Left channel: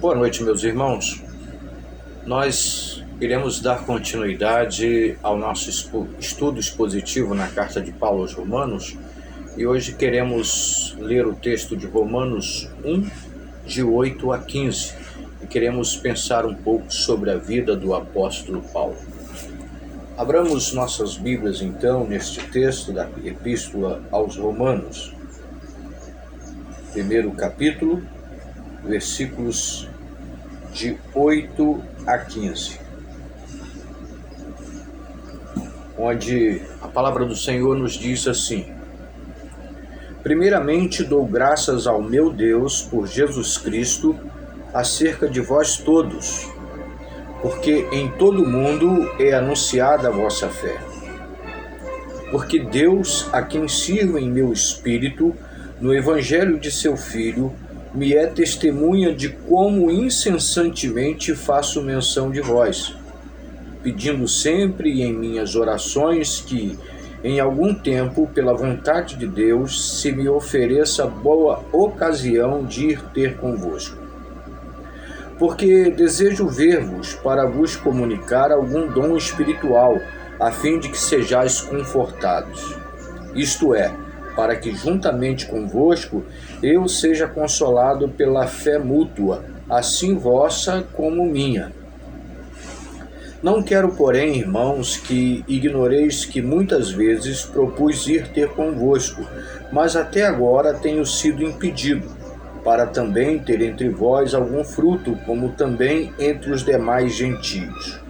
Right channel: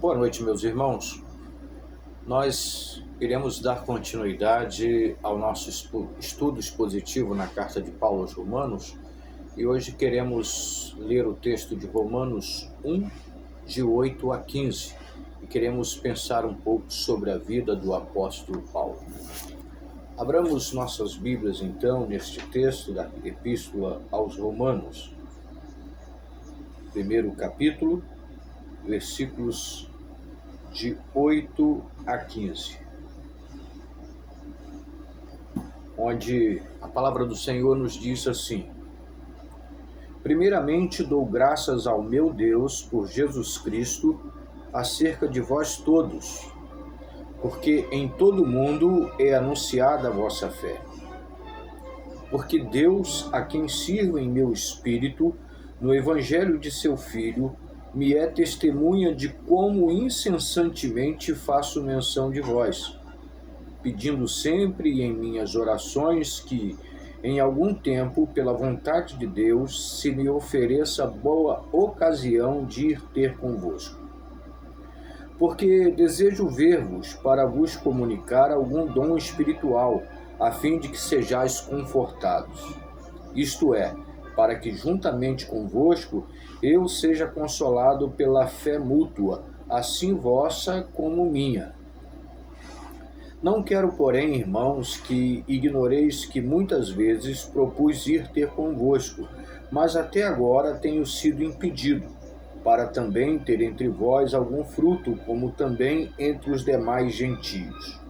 Boa noite, meus irmãos. Nós iremos dar continuidade ao nosso estudo expositivo na carta de Paulo aos Romanos e hoje queremos ler o texto de Romanos 1, de 8 a 15, e queremos pensar um pouco sobre a vida do apóstolo Paulo. Abramos nossas Bíblias, então, neste texto da Epístola aos Romanos, primeiro capítulo, versículos de 8 a 15, onde a palavra do Senhor nos diz assim: Primeiramente dou graças ao meu Deus por Jesus Cristo acerca de vós todos, porque em todo o mundo é anunciada a vossa fé. Porque Deus, a quem sirvo em meu espírito, no evangelho de seu Filho, me é testemunha de como incessantemente faço menção de vós, pedindo sempre em minhas orações que, em algum tempo, pela vontade de Deus, se me ofereça boa ocasião de ir ter convosco. Porque desejo ver-vos para vos comunicar algum dom espiritual, a fim de que sejais confortados. Isto é, para que juntamente convosco eu seja consolado pela fé mútua, assim vossa como minha. Não quero, porém, irmãos, que ignoreis que muitas vezes propus ir ter convosco, mas até agora tenho sido impedido, para também ter entre vós algum fruto, como também entre os demais gentios.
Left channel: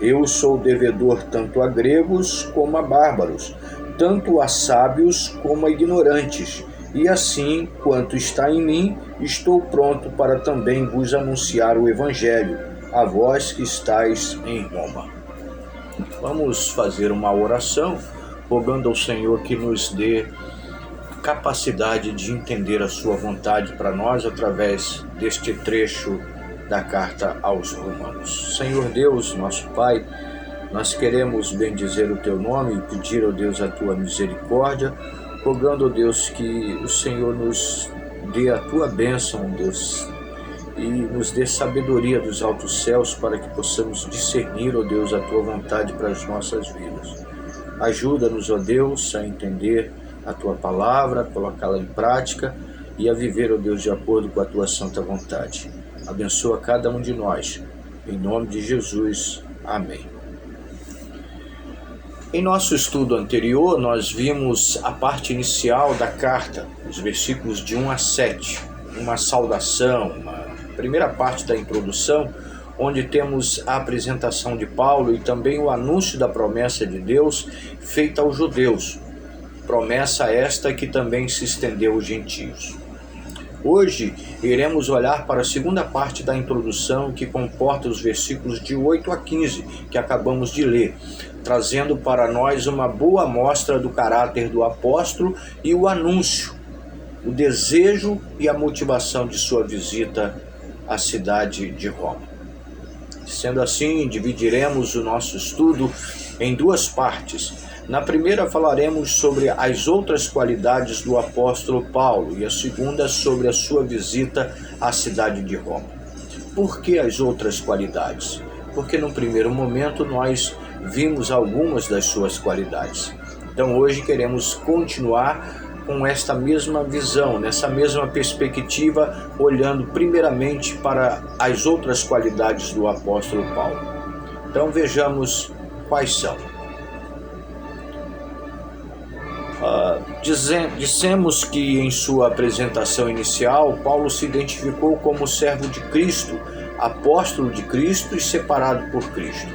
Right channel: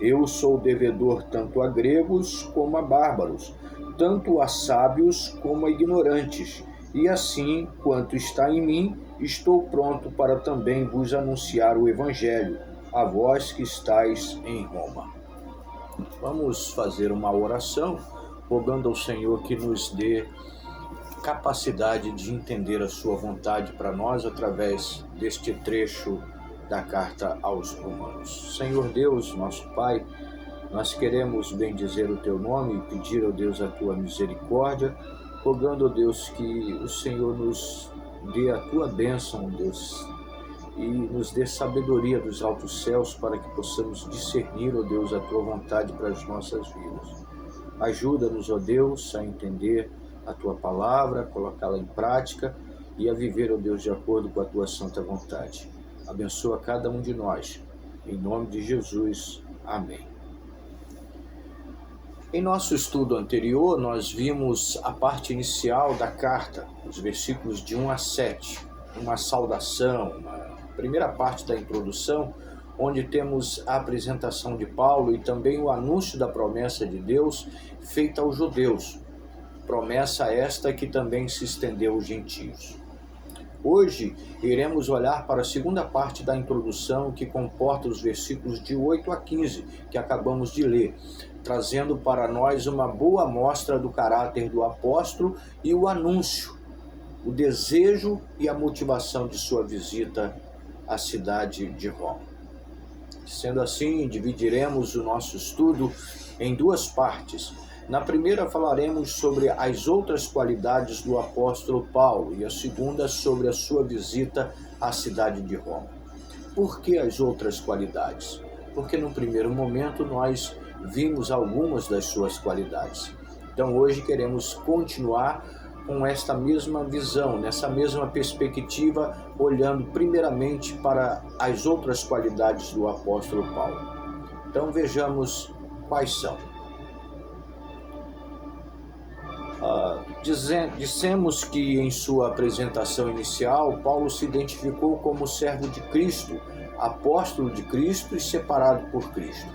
Eu sou devedor tanto a gregos como a bárbaros, tanto a sábios como a ignorantes, e assim, quanto está em mim, estou pronto para também vos anunciar o Evangelho, a vós que estáis em Roma. Vamos fazer uma oração, rogando ao Senhor que nos dê capacidade de entender a sua vontade para nós através deste trecho da carta aos Romanos. Senhor Deus, nosso Pai, nós queremos bendizer o Teu nome e pedir, ó Deus, a Tua misericórdia, rogando, ó Deus, que o Senhor nos dê a Tua bênção, Deus, e nos dê sabedoria dos altos céus para que possamos discernir, ó Deus, a Tua vontade para as nossas vidas. Ajuda-nos, ó Deus, a entender a Tua palavra, a colocá-la em prática e a viver, ó Deus, de acordo com a Tua santa vontade. Abençoa cada um de nós. Em nome de Jesus. Amém. Em nosso estudo anterior, nós vimos a parte inicial da carta, os versículos de 1 a 7, uma saudação, uma primeira parte da introdução, onde temos a apresentação de Paulo e também o anúncio da promessa de Deus feita aos judeus, promessa esta que também se estendeu aos gentios. Hoje iremos olhar para a segunda parte da introdução, que comporta os versículos de 8 a 15, que acabamos de ler, trazendo para nós uma boa amostra do caráter do apóstolo e o anúncio, o desejo e a motivação de sua visita à cidade de Roma. Sendo assim, dividiremos o nosso estudo em duas partes. Na primeira falaremos sobre as outras qualidades do apóstolo Paulo e a segunda sobre a sua visita à cidade de Roma. Por que as outras qualidades? Porque no primeiro momento nós vimos algumas das suas qualidades. Então hoje queremos continuar com esta mesma visão, nessa mesma perspectiva, olhando primeiramente para as outras qualidades do apóstolo Paulo. Então vejamos quais são. Dissemos que em sua apresentação inicial, Paulo se identificou como servo de Cristo, apóstolo de Cristo e separado por Cristo.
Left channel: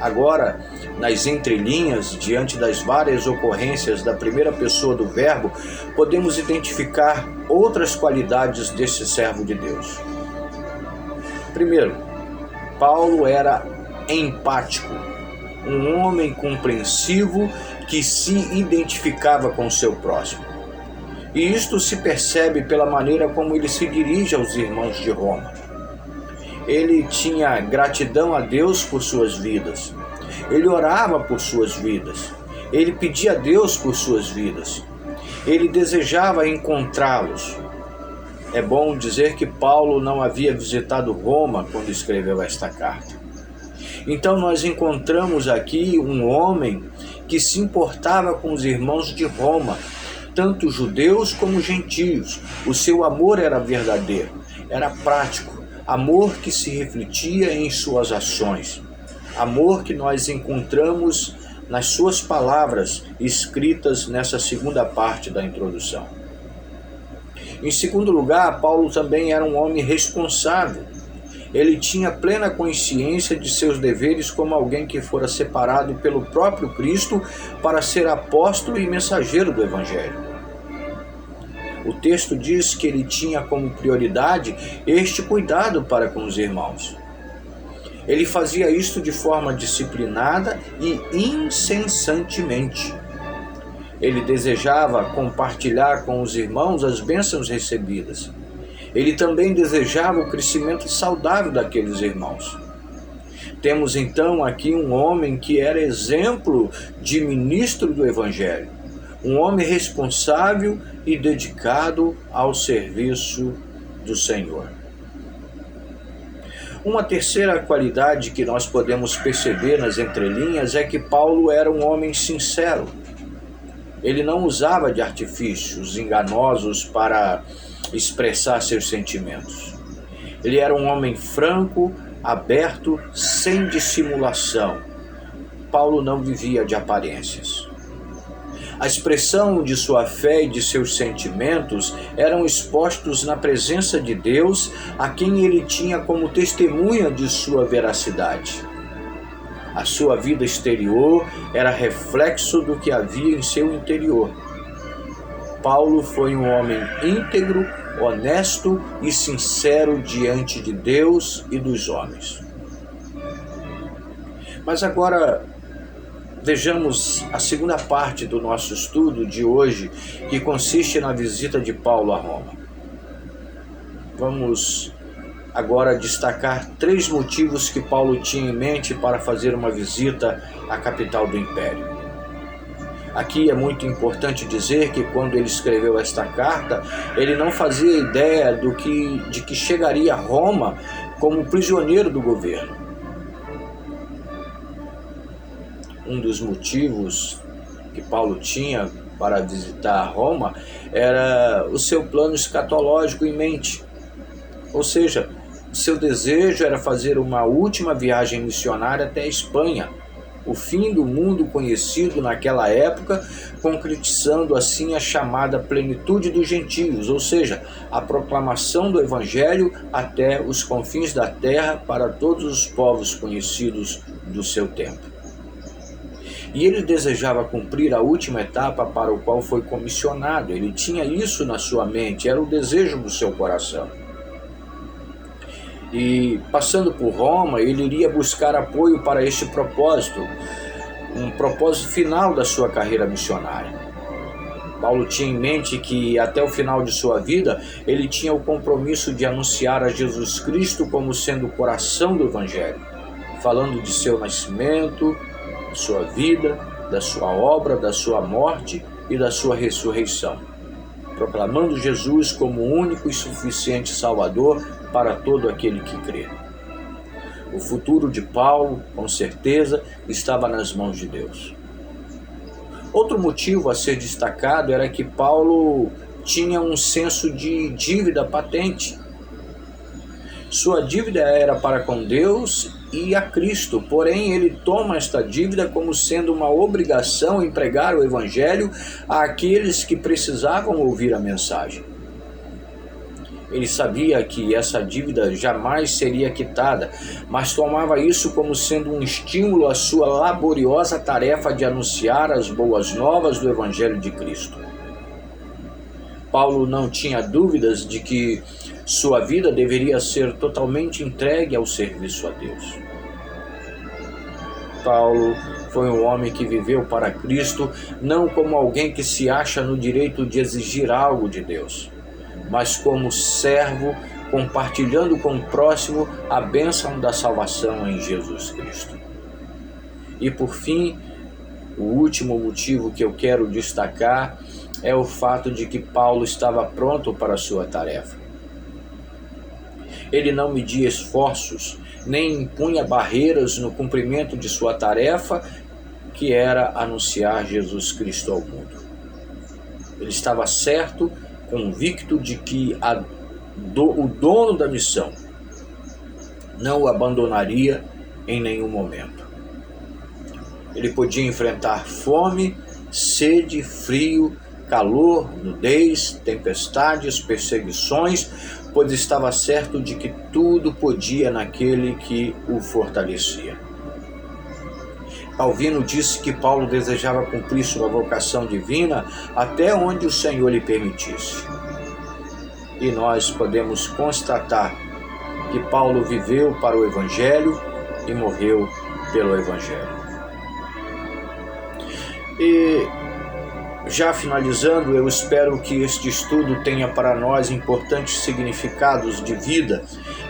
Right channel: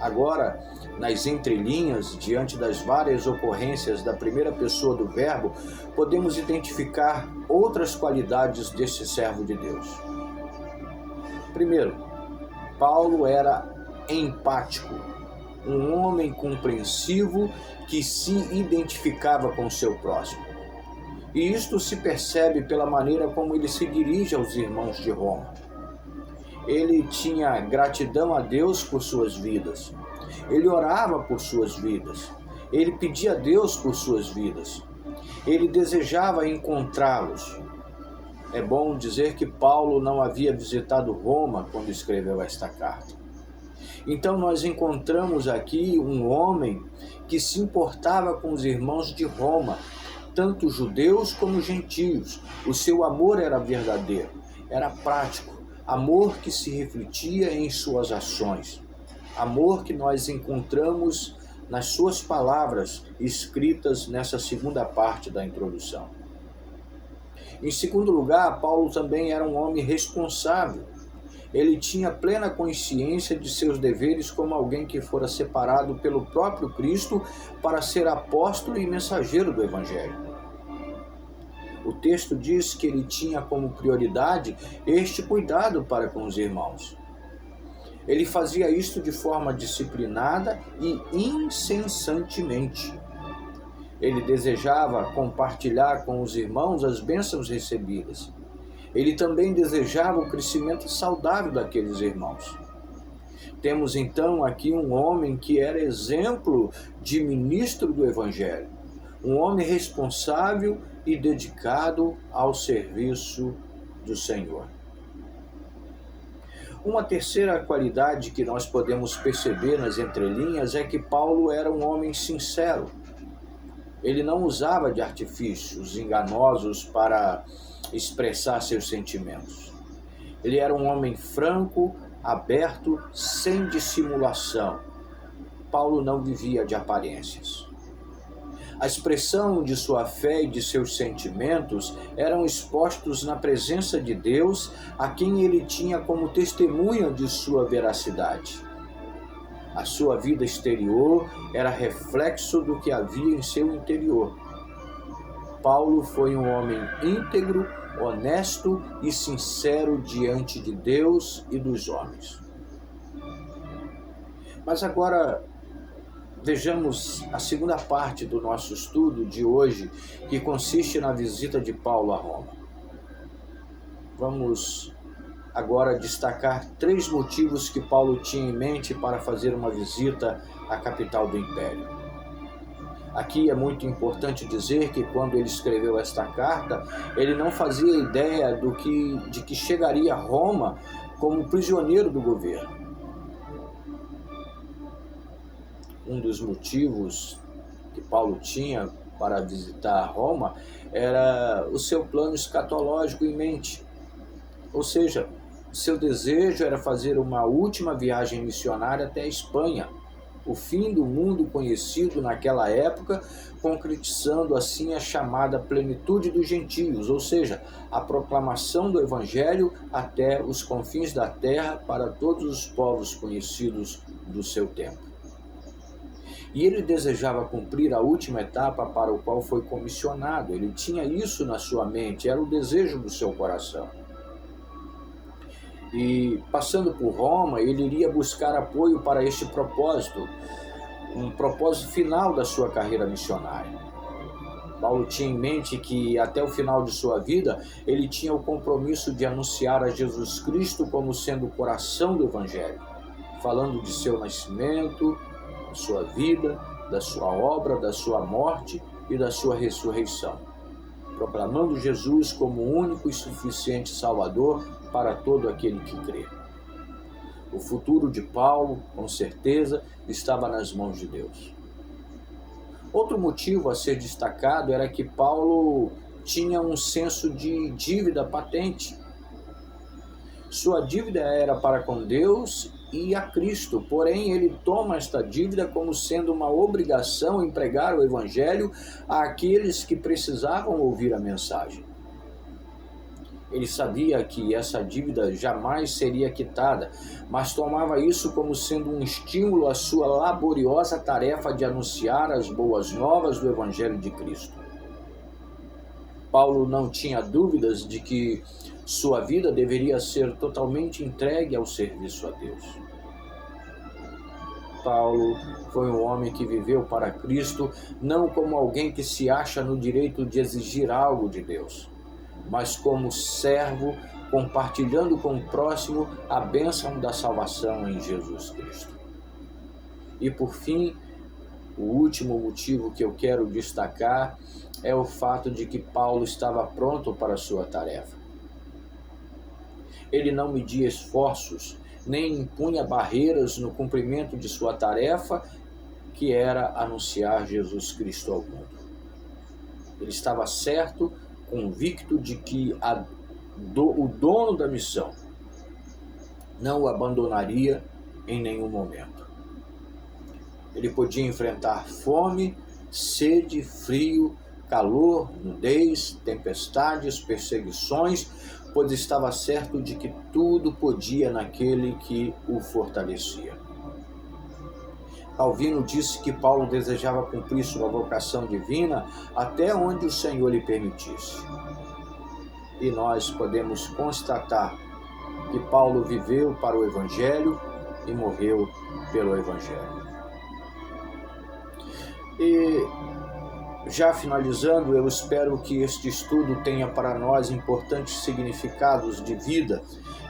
Agora, nas entrelinhas, diante das várias ocorrências da primeira pessoa do verbo, podemos identificar outras qualidades desse servo de Deus. Primeiro, Paulo era empático, um homem compreensivo que se identificava com o seu próximo. E isto se percebe pela maneira como ele se dirige aos irmãos de Roma. Ele tinha gratidão a Deus por suas vidas. Ele orava por suas vidas. Ele pedia a Deus por suas vidas. Ele desejava encontrá-los. É bom dizer que Paulo não havia visitado Roma quando escreveu esta carta. Então nós encontramos aqui um homem que se importava com os irmãos de Roma, tanto judeus como gentios. O seu amor era verdadeiro, era prático, amor que se refletia em suas ações, amor que nós encontramos nas suas palavras escritas nessa segunda parte da introdução. Em segundo lugar, Paulo também era um homem responsável. Ele tinha plena consciência de seus deveres como alguém que fora separado pelo próprio Cristo para ser apóstolo e mensageiro do Evangelho. O texto diz que ele tinha como prioridade este cuidado para com os irmãos. Ele fazia isto de forma disciplinada e incessantemente. Ele desejava compartilhar com os irmãos as bênçãos recebidas. Ele também desejava o crescimento saudável daqueles irmãos. Temos então aqui um homem que era exemplo de ministro do Evangelho, um homem responsável e dedicado ao serviço do Senhor. Uma terceira qualidade que nós podemos perceber nas entrelinhas é que Paulo era um homem sincero. Ele não usava de artifícios enganosos para expressar seus sentimentos. Ele era um homem franco, aberto, sem dissimulação. Paulo não vivia de aparências. A expressão de sua fé e de seus sentimentos eram expostos na presença de Deus, a quem ele tinha como testemunha de sua veracidade. A sua vida exterior era reflexo do que havia em seu interior. Paulo foi um homem íntegro, honesto e sincero diante de Deus e dos homens. Mas agora vejamos a segunda parte do nosso estudo de hoje, que consiste na visita de Paulo a Roma. Vamos agora destacar 3 motivos que Paulo tinha em mente para fazer uma visita à capital do Império. Aqui é muito importante dizer que quando ele escreveu esta carta, ele não fazia ideia de que chegaria a Roma como prisioneiro do governo. Um dos motivos que Paulo tinha para visitar Roma era o seu plano escatológico em mente. Ou seja, seu desejo era fazer uma última viagem missionária até a Espanha, o fim do mundo conhecido naquela época, concretizando assim a chamada plenitude dos gentios, ou seja, a proclamação do Evangelho até os confins da terra para todos os povos conhecidos do seu tempo. E ele desejava cumprir a última etapa para o qual foi comissionado. Ele tinha isso na sua mente, era o desejo do seu coração. E passando por Roma, ele iria buscar apoio para este propósito, um propósito final da sua carreira missionária. Paulo tinha em mente que até o final de sua vida, ele tinha o compromisso de anunciar a Jesus Cristo como sendo o coração do Evangelho, falando de seu nascimento, da sua vida, da sua obra, da sua morte e da sua ressurreição, proclamando Jesus como o único e suficiente Salvador para todo aquele que crê. O futuro de Paulo, com certeza, estava nas mãos de Deus. Outro motivo a ser destacado era que Paulo tinha um senso de dívida patente. Sua dívida era para com Deus e a Cristo, porém ele toma esta dívida como sendo uma obrigação em pregar o Evangelho àqueles que precisavam ouvir a mensagem. Ele sabia que essa dívida jamais seria quitada, mas tomava isso como sendo um estímulo à sua laboriosa tarefa de anunciar as boas novas do Evangelho de Cristo. Paulo não tinha dúvidas de que sua vida deveria ser totalmente entregue ao serviço a Deus. Paulo foi um homem que viveu para Cristo não como alguém que se acha no direito de exigir algo de Deus, mas como servo, compartilhando com o próximo a bênção da salvação em Jesus Cristo. E por fim, o último motivo que eu quero destacar é o fato de que Paulo estava pronto para a sua tarefa. Ele não media esforços, nem impunha barreiras no cumprimento de sua tarefa, que era anunciar Jesus Cristo ao mundo. Ele estava certo, convicto de que o dono da missão não o abandonaria em nenhum momento. Ele podia enfrentar fome, sede, frio, calor, nudez, tempestades, perseguições, pois estava certo de que tudo podia naquele que o fortalecia. Calvino disse que Paulo desejava cumprir sua vocação divina até onde o Senhor lhe permitisse. E nós podemos constatar que Paulo viveu para o Evangelho e morreu pelo Evangelho. E já finalizando, eu espero que este estudo tenha para nós importantes significados de vida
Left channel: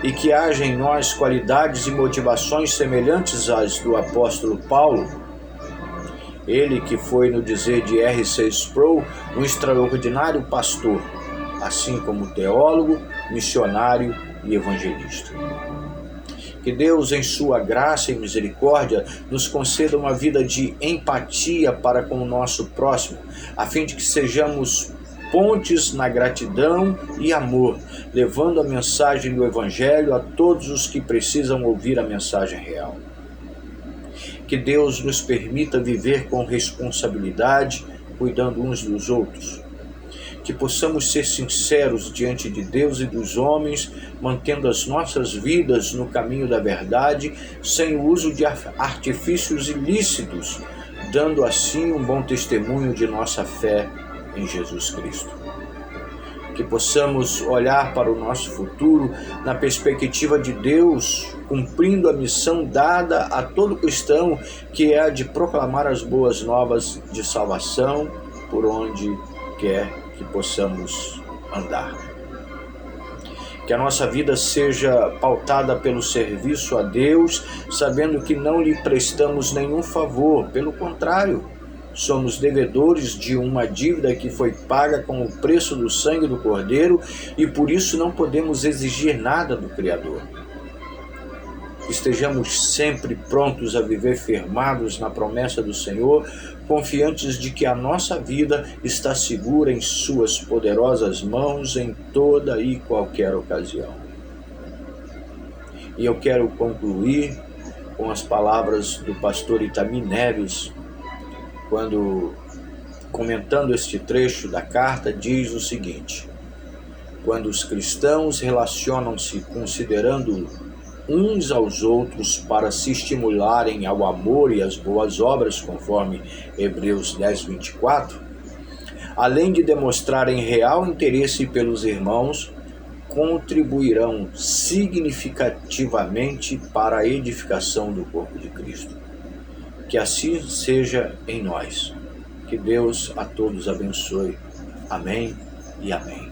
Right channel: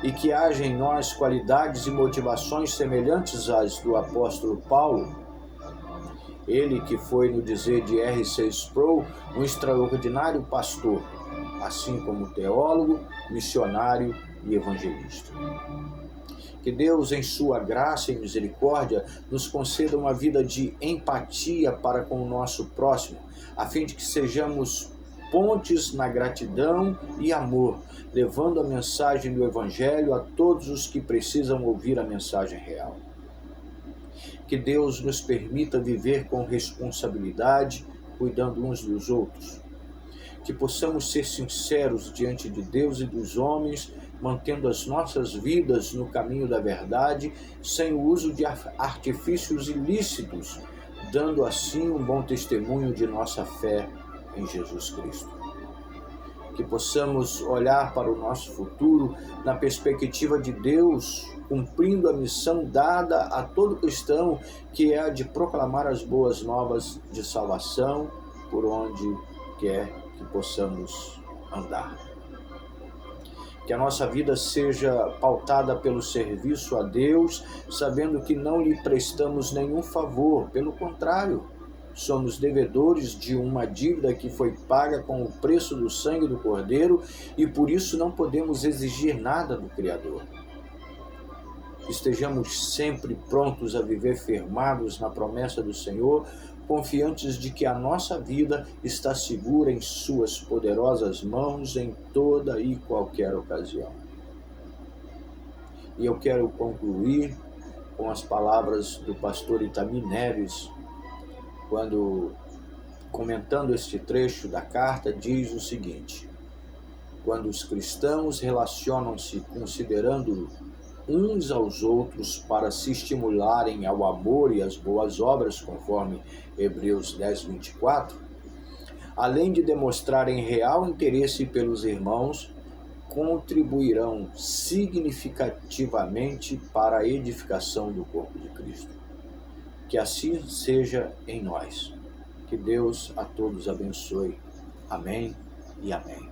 e que haja em nós qualidades e motivações semelhantes às do apóstolo Paulo. Ele que foi, no dizer de R.C. Sproul, um extraordinário pastor, assim como teólogo, missionário e evangelista. Que Deus, em sua graça e misericórdia, nos conceda uma vida de empatia para com o nosso próximo, a fim de que sejamos pontes na gratidão e amor, levando a mensagem do Evangelho a todos os que precisam ouvir a mensagem real. Que Deus nos permita viver com responsabilidade, cuidando uns dos outros. Que possamos ser sinceros diante de Deus e dos homens, mantendo as nossas vidas no caminho da verdade, sem o uso de artifícios ilícitos, dando assim um bom testemunho de nossa fé em Jesus Cristo. Que possamos olhar para o nosso futuro na perspectiva de Deus, cumprindo a missão dada a todo cristão, que é a de proclamar as boas novas de salvação por onde quer que possamos andar. Que a nossa vida seja pautada pelo serviço a Deus, sabendo que não lhe prestamos nenhum favor, pelo contrário, somos devedores de uma dívida que foi paga com o preço do sangue do Cordeiro e por isso não podemos exigir nada do Criador. Estejamos sempre prontos a viver firmados na promessa do Senhor, confiantes de que a nossa vida está segura em suas poderosas mãos em toda e qualquer ocasião. E eu quero concluir com as palavras do pastor Itami Neves, quando, comentando este trecho da carta, diz o seguinte: quando os cristãos relacionam-se considerando uns aos outros para se estimularem ao amor e às boas obras, conforme Hebreus 10:24, além de demonstrarem real interesse pelos irmãos, contribuirão significativamente para a edificação do corpo de Cristo. Que assim seja em nós. Que Deus a todos abençoe. Amém e amém.